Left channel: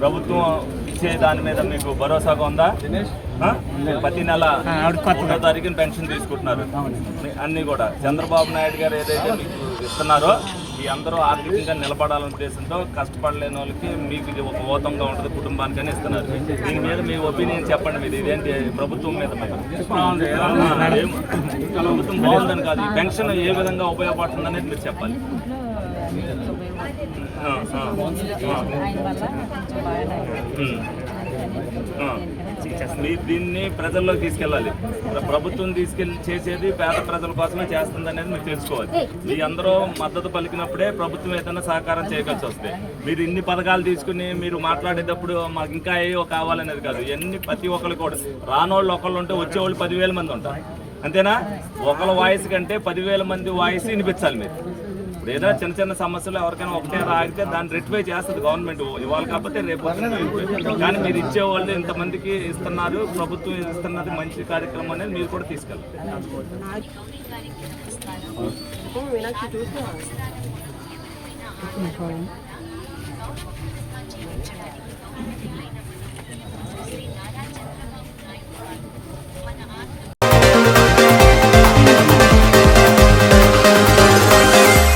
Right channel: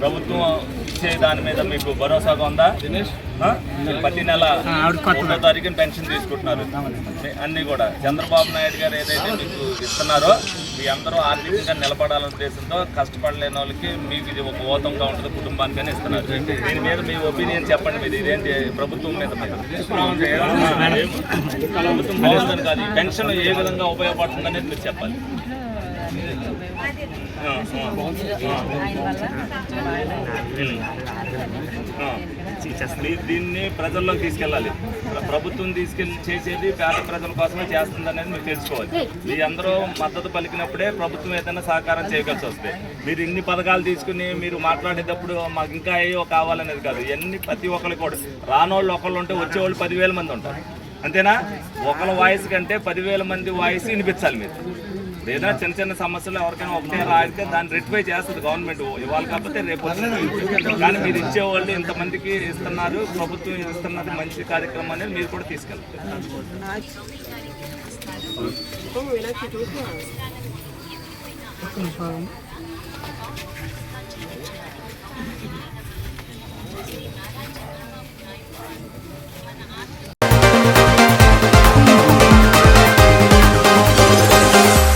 ప్రభుత్వం ఇచ్చే దాని మీద మీకు భరోసాగా ఉందా? ప్రతి నెల 1వ తారీఖున పెన్షన్ తీసుకుంటున్నారు అన్నీ కూడా. చంద్రబాబు నాయుడు గారు ఏదైతే మీకు ఇస్తున్నారో మీ అందరూ ఆర్థికంగా నిలబడాలనే ఉద్దేశంతో కష్టపడలేని వాళ్ళకి మీకు ఇది ఒక ఓతంగా ఉంటుంది, కుటుంబానికని ఇస్తున్నారు. దీని మీద మీ ఒపీనియన్ చెప్పండి. మీరు ఇదేంటి ప్రభుత్వం మీద ప్రభుత్వం బాగుందని కాదు, ఈ పెన్షన్ ఏ విధంగా ఉపయోగపడుతుంది అనేది మీరు చెప్పాలి. మీరు దీన్ని ప్రజల్లోకి తీసుకెళ్ళాలి. ప్రభుత్వం చేసేది పేద ప్రజల కోసమే చేస్తుంది అనేది మీరు తెలుసుకోవాలి. మీ అందరూ మద్దతు పలికినప్పుడే ప్రభుత్వం ఏదైనా సహకారం చేయగలిసి వస్తే, మీరు ఇన్ని పథకాలు తీసుకుని మీరు మాట్లాడేటప్పుడు మాకు ఇంకా ఏవో కావాలనేది కాదు. ఇవన్నీ ప్రతి ఒక్కరు కూడా రానోళ్ళు ఒకళ్ళు ఉంటే వచ్చేవాళ్ళు 10,000 మంది ఉంటారు, అంతేనా? ఒకళ్ళ వాయిస్ కంటే 10,000 మంది వాయిస్ వినిపించాలి మీరు. ఏదైనా చిన్న చిన్న సమస్యలు ఎవరికైనా ఒకటే రాగితే దాన్ని రెక్టిఫై చేస్తుంది గవర్నమెంట్, ఇవాళ కాకపోతే రేపు. కానీ మీరు ఇచ్చేవాళ్ళు ఇంతమందికి ఇస్తున్నారు, ప్రభుత్వం ఇస్తున్నది మంచి కార్యక్రమం అనేది మీరు కూడా తీసుకెళ్తారు.